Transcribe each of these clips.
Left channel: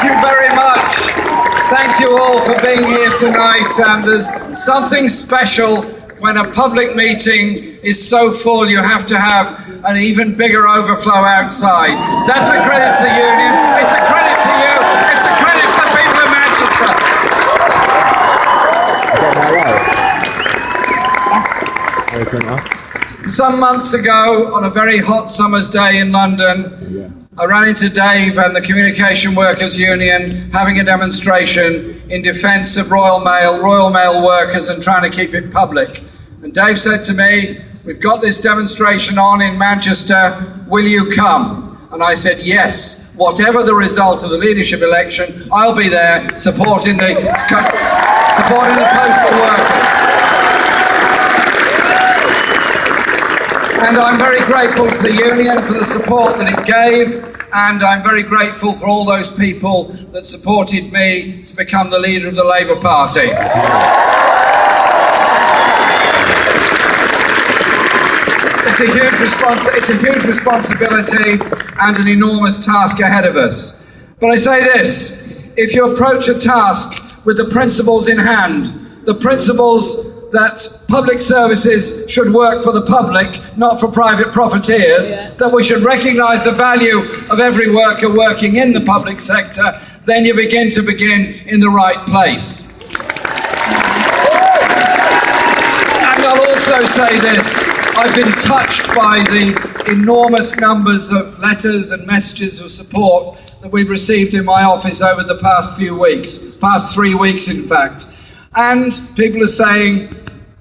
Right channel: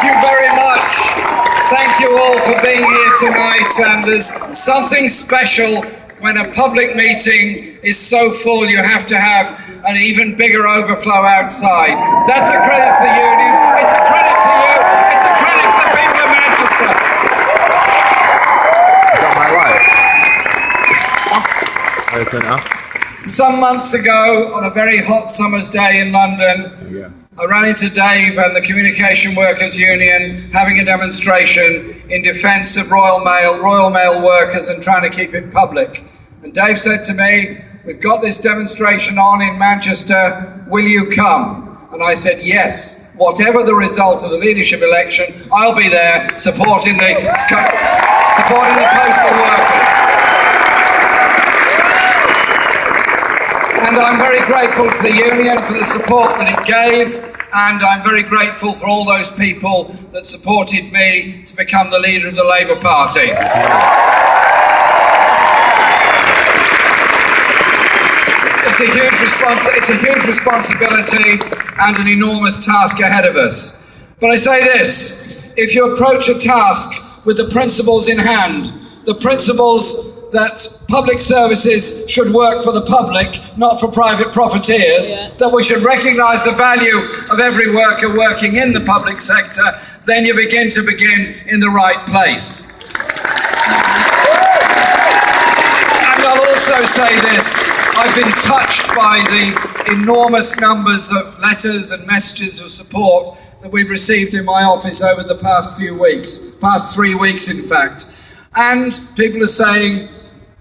Thank you very much. Thank you all for being here tonight. And there's something special when a public meeting is so full, you have to have an even bigger overflow outside. That's a credit to the union. It's a credit to you. It's a credit to the people of Manchester. Is that my life? Some months ago, on a very hot summer's day in London, I ran into Dave and the Communication Workers Union having a demonstration in defence of Royal Mail workers and trying to keep it public. And Dave said to me, "We've got this demonstration on in Manchester, will you come?" And I said, yes, whatever the result of the leadership election, I'll be there supporting the postal workers. And I'm very grateful to the union for the support that it gave, and I'm very grateful for all those people that supported me to become the leader of the Labour Party. It's a huge responsibility and an enormous task ahead of us. But I say this, if you approach a task with the principles in hand, the principles that public services should work for the public, not for private profiteers, that we should recognise the value of every worker working in the public sector, then you begin in the right place. And I'll also say this, I've been touched by the enormous numbers of letters and messages of support that we've received in my office over the past 3 weeks in fact. And people are saying,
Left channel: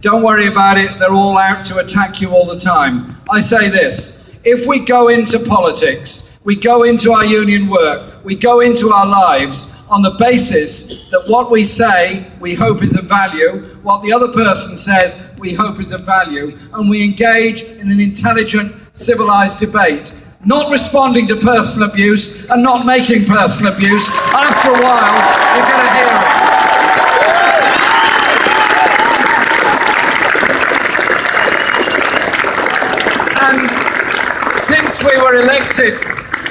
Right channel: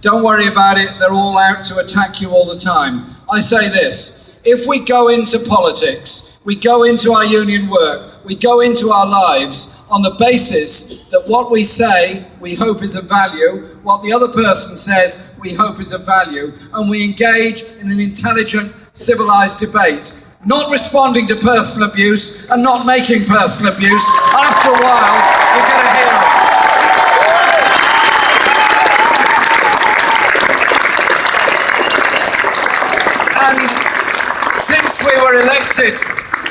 don't worry about it, they're all out to attack you all the time. I say this, if we go into politics, we go into our union work, we go into our lives on the basis that what we say we hope is of value, what the other person says we hope is of value, and we engage in an intelligent, civilised debate, not responding to personal abuse and not making personal abuse. After a while, you're going to hear it. And since we were elected,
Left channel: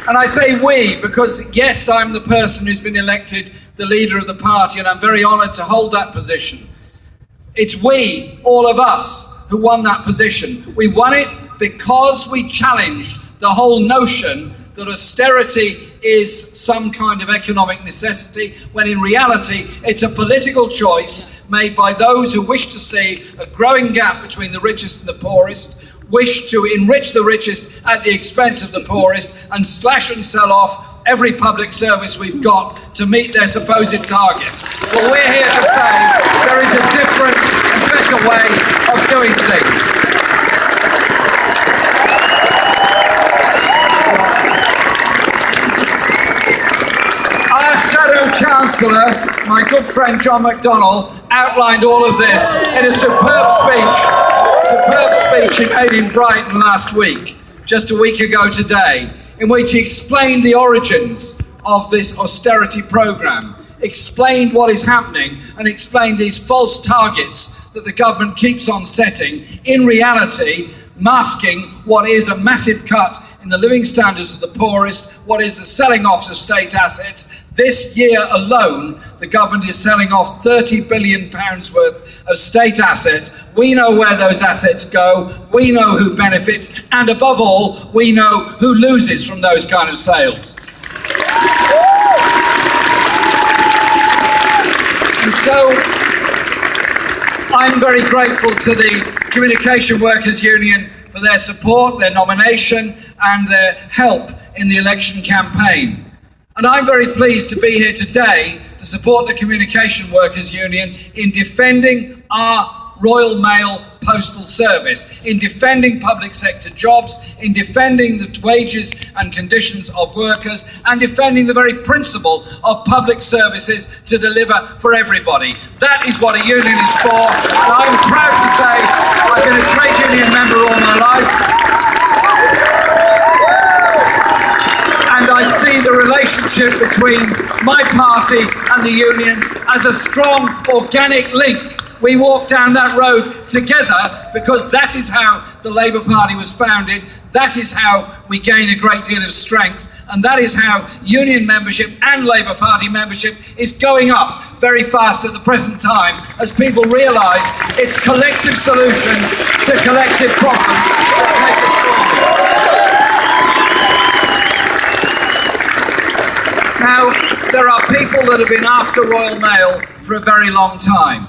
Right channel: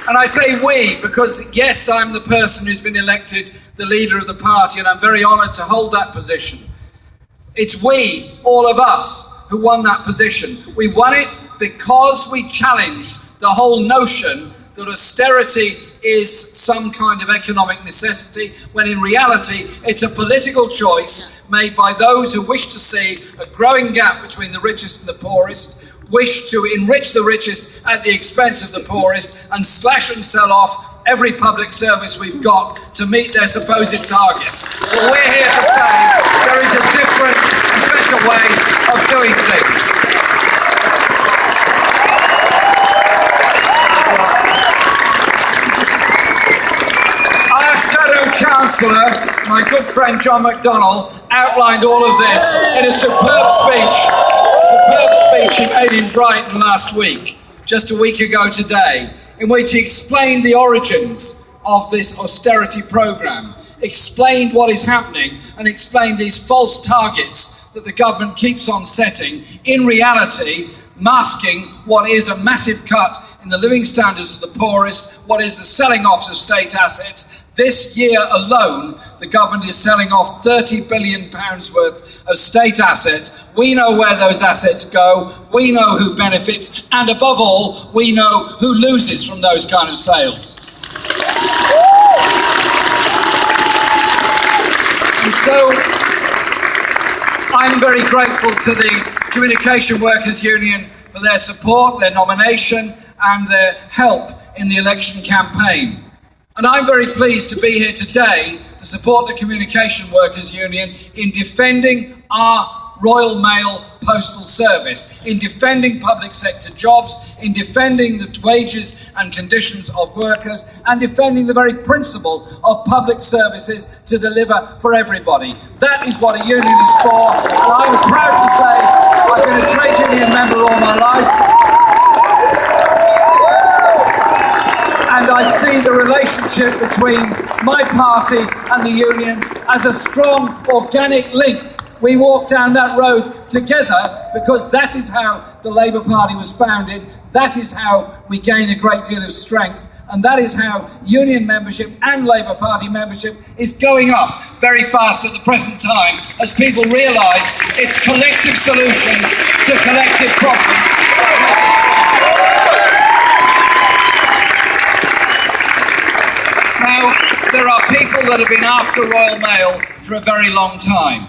and I say we because, yes, I'm the person who's been elected the leader of the party, and I'm very honoured to hold that position. It's we, all of us, who won that position. We won it because we challenged the whole notion that austerity is some kind of economic necessity, when in reality it's a political choice made by those who wish to see a growing gap between the richest and the poorest, wish to enrich the richest at the expense of the poorest, and slash and sell off every public service we've got to meet their supposed targets. But we're here to say there is a different and better way of doing things. Our Shadow Chancellor, my good friend John McDonnell, outlined all of this in a superb speech he made in Brighton last week, just a week ago today, in which he explained the origins of this austerity programme, explained what is happening, and explained these false targets that the government keeps on setting, in reality masking what is a massive cut in the living standards of the poorest, what is the selling off of state assets. This year alone, the government is selling off £30 billion worth of state assets. We know where those assets go, we know who benefits, and above all, we know who loses from those kind of sales. And so, I'm very grateful to the Communication Workers Union for their support, their nomination, and their help in the election campaign. And I'm very pleased to be here today to support the Communication Workers Union in defending our Royal Mail Postal Service, in defending public sector jobs, in defending the wages and conditions of workers, and defending the very principle of public services to deliver for everybody. That is what a union is for. And I'm proud to say I've been a trade union member all my life. And I see the relationship between my party and the unions as a strong organic link We walked down that road together because that is how the Labour Party was founded. That is how we gain a great deal of strength. And that is how union membership and Labour Party membership is going up very fast at the present time as people realise it's collective solutions to collective problems that take us forward. Now, there are people that have been after Royal Mail for a very long time.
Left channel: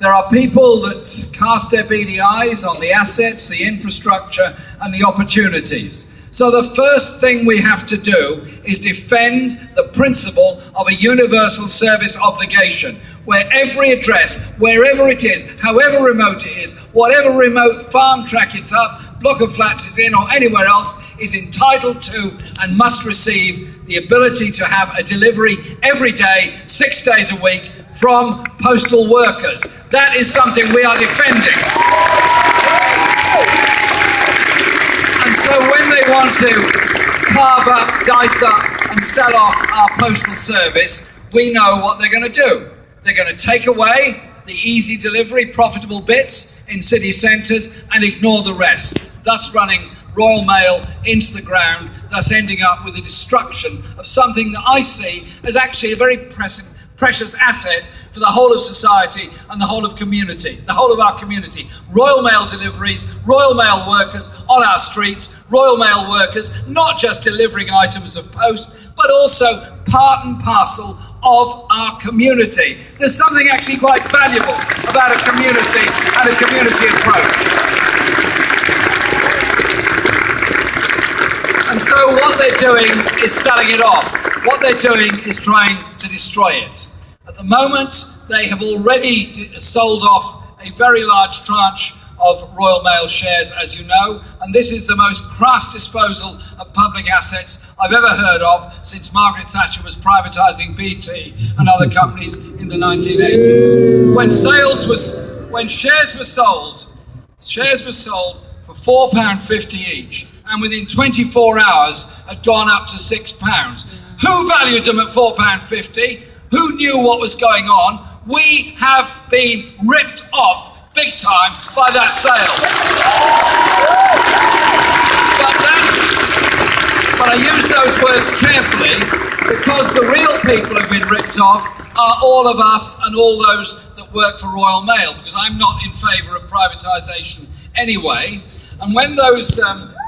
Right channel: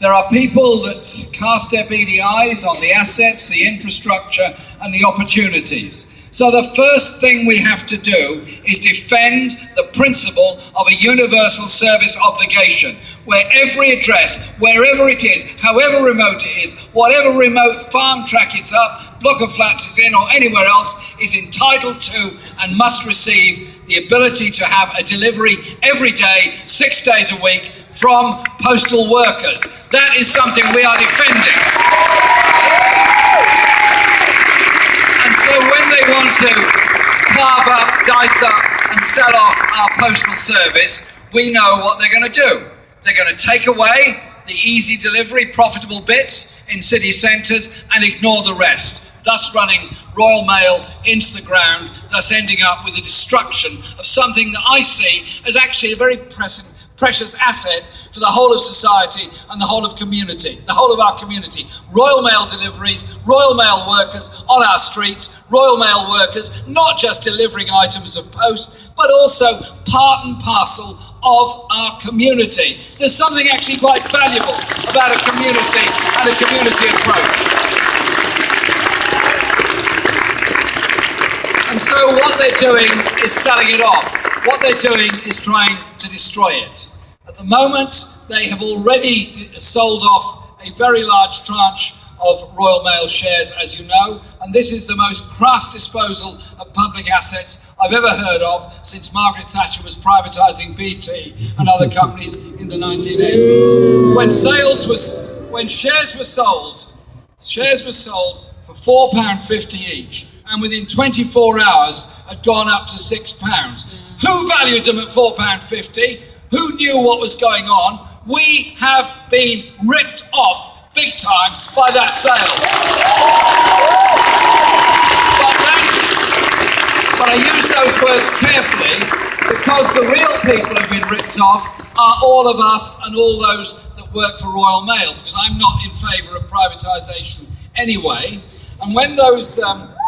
There are people that cast their beady eyes on the assets, the infrastructure, and the opportunities. So the first thing we have to do is defend the principle of a universal service obligation, where every address, wherever it is, however remote it is, whatever remote farm track it's up, block of flats it's in, or anywhere else, is entitled to and must receive the ability to have a delivery every day, 6 days a week, from postal workers. That is something we are defending. And so when they want to carve up, dice up, and sell off our postal service, we know what they're going to do. They're going to take away the easy delivery, profitable bits in city centres and ignore the rest, thus running Royal Mail into the ground, thus ending up with the destruction of something that I see as actually a very precious asset for the whole of society and the whole of community, the whole of our community. Royal Mail deliveries, Royal Mail workers on our streets, Royal Mail workers not just delivering items of post, but also part and parcel of our community. There's something actually quite valuable about a community and a community approach. And so what they're doing is selling it off. What they're doing is trying to destroy it. At the moment, they have already sold off a very large tranche of Royal Mail shares, as you know, and this is the most crass disposal of public assets I've ever heard of since Margaret Thatcher was privatising BT and other companies in the 1980s. When shares were sold for £4.50 each, and within 24 hours had gone up to £6. Who valued them at £4.50? Who knew what was going on? We have been ripped off big time by that sale. But I use those words carefully because the real people who have been ripped off are all of us and all those that work for Royal Mail, because I'm not in favour of privatisation anyway. And when those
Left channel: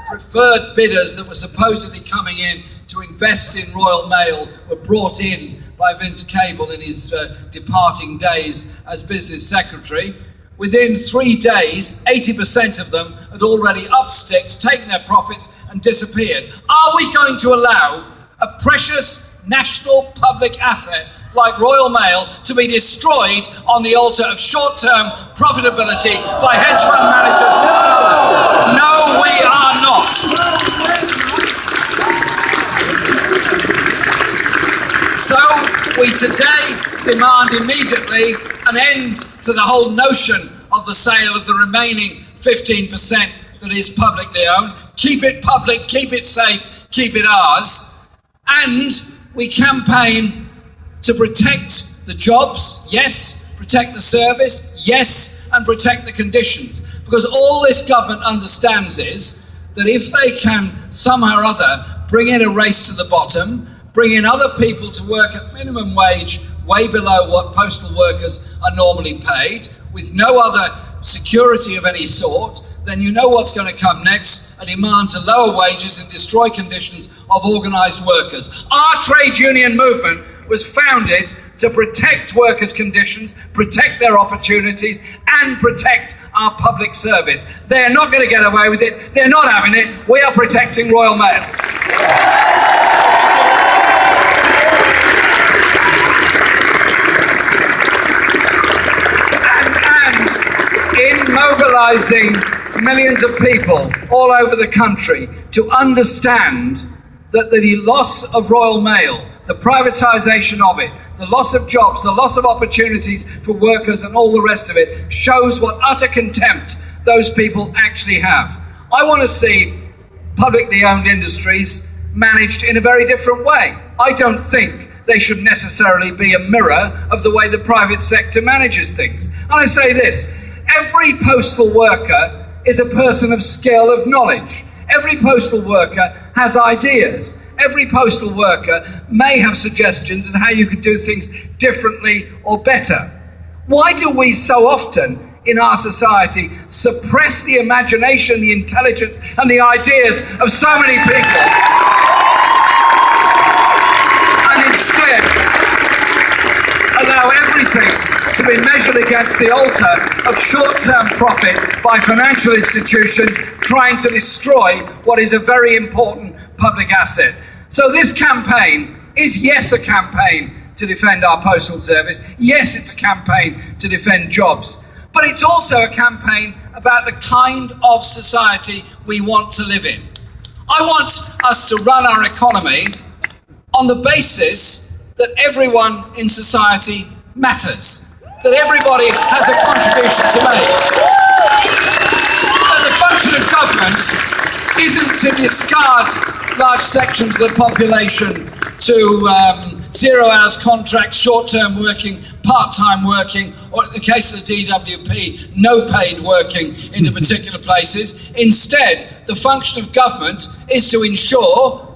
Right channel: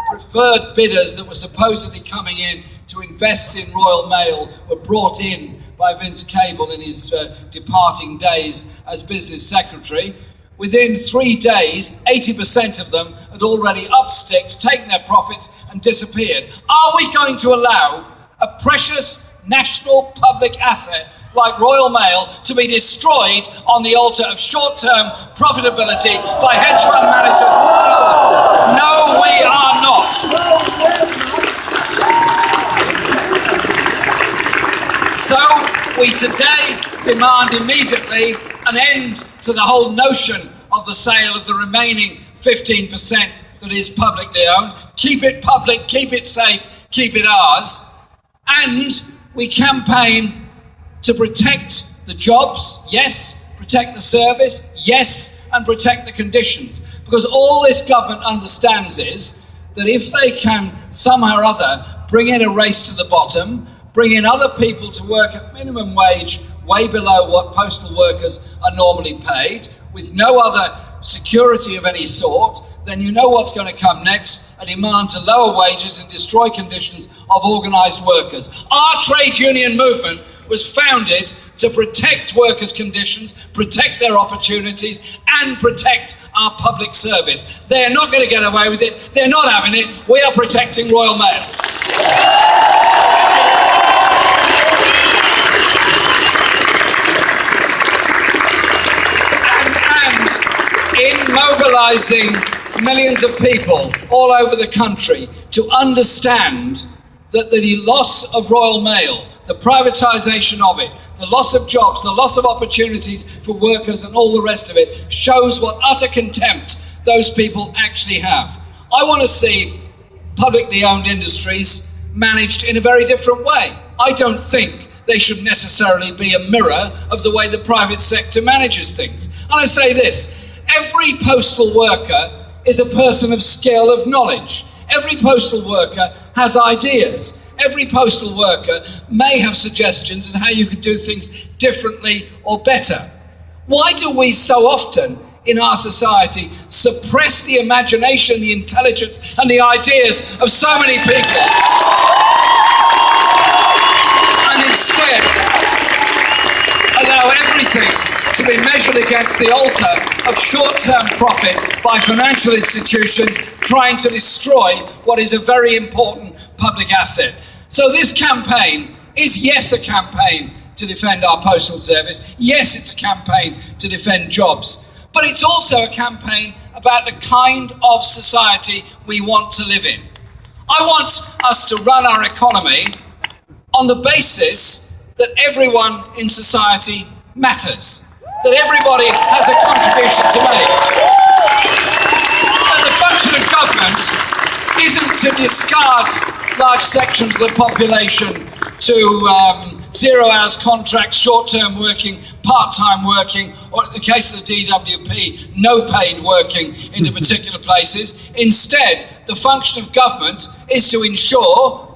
preferred bidders that were supposedly coming in to invest in Royal Mail were brought in by Vince Cable in his departing days as business secretary, within 3 days, 80% of them had already upped sticks, taken their profits and disappeared. Are we going to allow a precious national public asset like Royal Mail to be destroyed on the altar of short-term profitability by hedge fund managers and others? No, we are not. So we today demand immediately an end to the whole notion of the sale of the remaining 15% that is publicly owned. Keep it public, keep it safe, keep it ours. And we campaign to protect the jobs, yes, protect the service, yes, and protect the conditions. Because all this government understands is that if they can somehow or other bring in a race to the bottom, bring in other people to work at minimum wage, way below what postal workers are normally paid, with no other security of any sort, then you know what's going to come next, a demand to lower wages and destroy conditions of organised workers. Our trade union movement was founded to protect workers' conditions, protect their opportunities, and protect our public service. They're not going to get away with it. They're not having it. We are protecting Royal Mail. And in mobilising millions of people all over the country to understand that the loss of Royal Mail, the privatisation of it, the loss of jobs, the loss of opportunities for workers and all the rest of it shows what utter contempt those people actually have. I want to see publicly owned industries managed in a very different way. I don't think they should necessarily be a mirror of the way the private sector manages things. And I say this, every postal worker is a person of skill, of knowledge. Every postal worker has ideas. Every postal worker may have suggestions on how you could do things differently or better. Why do we so often in our society suppress the imagination, the intelligence, and the ideas of so many people, and instead allow everything to be measured against the altar of short-term profit by financial institutions trying to destroy what is a very important public asset? So this campaign is, yes, a campaign to defend our postal service. Yes, it's a campaign to defend jobs. But it's also a campaign about the kind of society we want to live in. I want us to run our economy on the basis that everyone in society matters, that everybody has a contribution to make, that the function of government isn't to discard large sections of the population to zero hours contracts, short-term working, part-time working, or in the case of the DWP, no paid working into particular places. Instead, the function of government is to ensure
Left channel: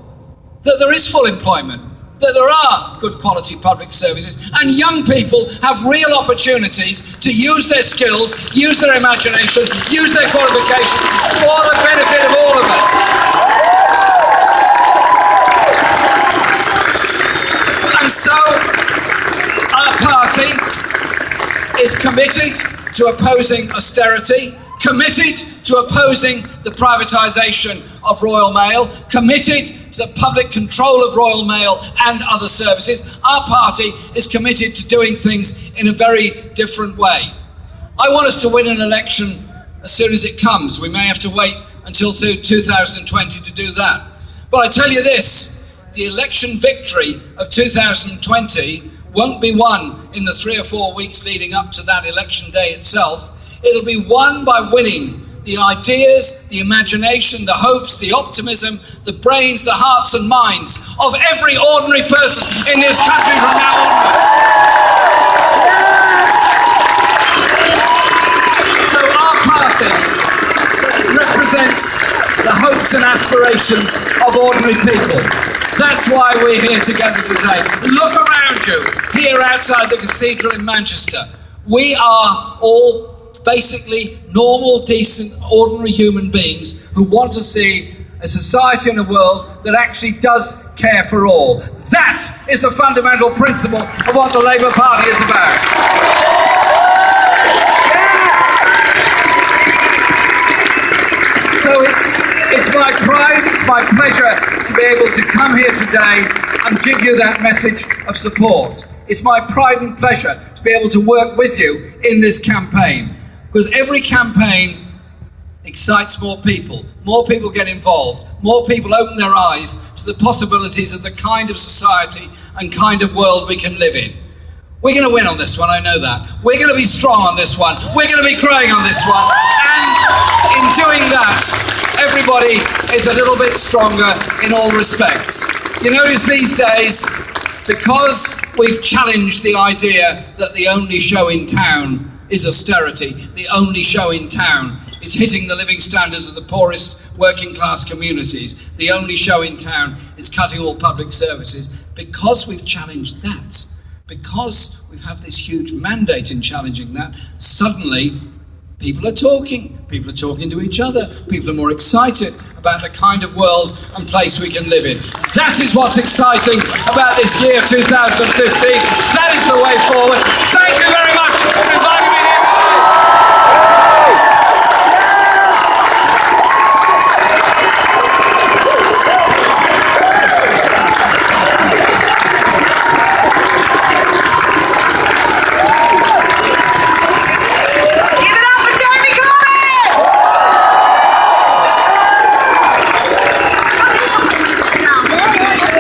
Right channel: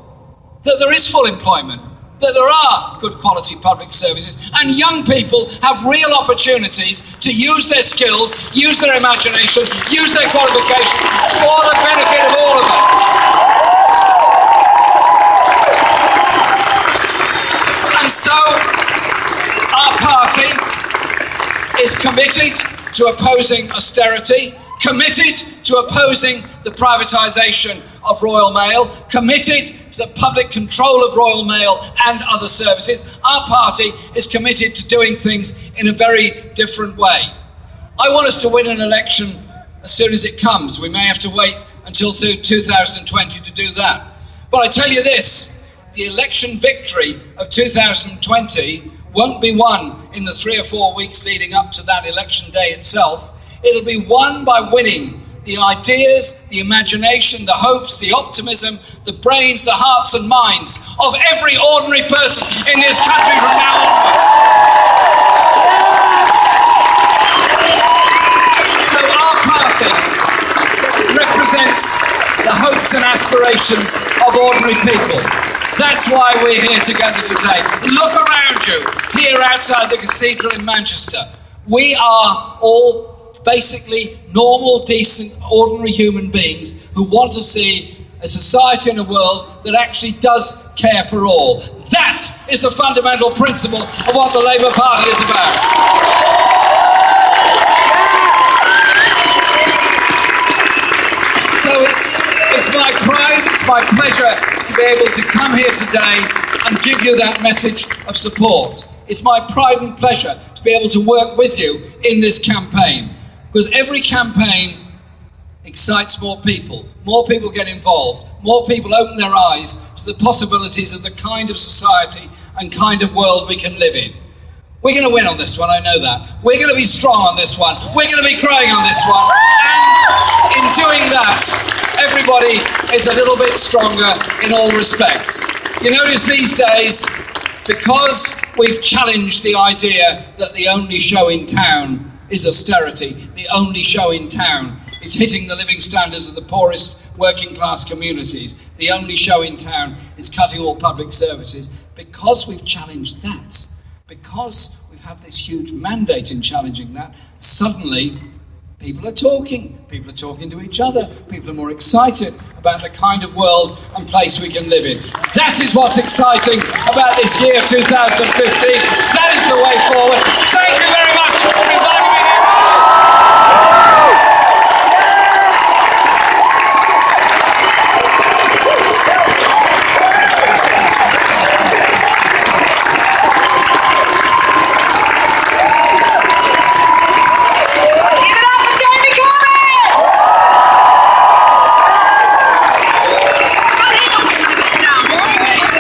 that there is full employment, that there are good quality public services, and young people have real opportunities to use their skills, use their imagination, use their qualifications for the benefit of all of us. And so our party is committed to opposing austerity, committed to opposing the privatisation of Royal Mail, committed to the public control of Royal Mail and other services. Our party is committed to doing things in a very different way. I want us to win an election as soon as it comes. We may have to wait until 2020 to do that. But I tell you this, the election victory of 2020 won't be won in the 3 or 4 weeks leading up to that election day itself. It'll be won by winning the ideas, the imagination, the hopes, the optimism, the brains, the hearts and minds of every ordinary person in this country from now onward. So our party represents the hopes and aspirations of ordinary people. That's why we're here together today. Look around you, here outside the cathedral in Manchester. We are all basically normal, decent, ordinary human beings who want to see a society and a world that actually does care for all. That is the fundamental principle of what the Labour Party is about. So it's my pride, it's my pleasure to be able to come here today and give you that message of support. It's my pride and pleasure to be able to work with you in this campaign, because every campaign excites more people get involved, more people open their eyes to the possibilities of the kind of society and kind of world we can live in. We're going to win on this one, I know that. We're going to be strong on this one. We're going to be growing on this one. And in doing that, everybody is a little bit stronger in all respects. You notice these days, because we've challenged the idea that the only show in town is austerity, the only show in town is hitting the living standards of the poorest working class communities, the only show in town is cutting all public services. Because we've challenged that, because we've had this huge mandate in challenging that, suddenly people are talking to each other, people are more excited about the kind of world and place we can live in. That is what's exciting about this year 2015. That is the way forward. Thank you very much.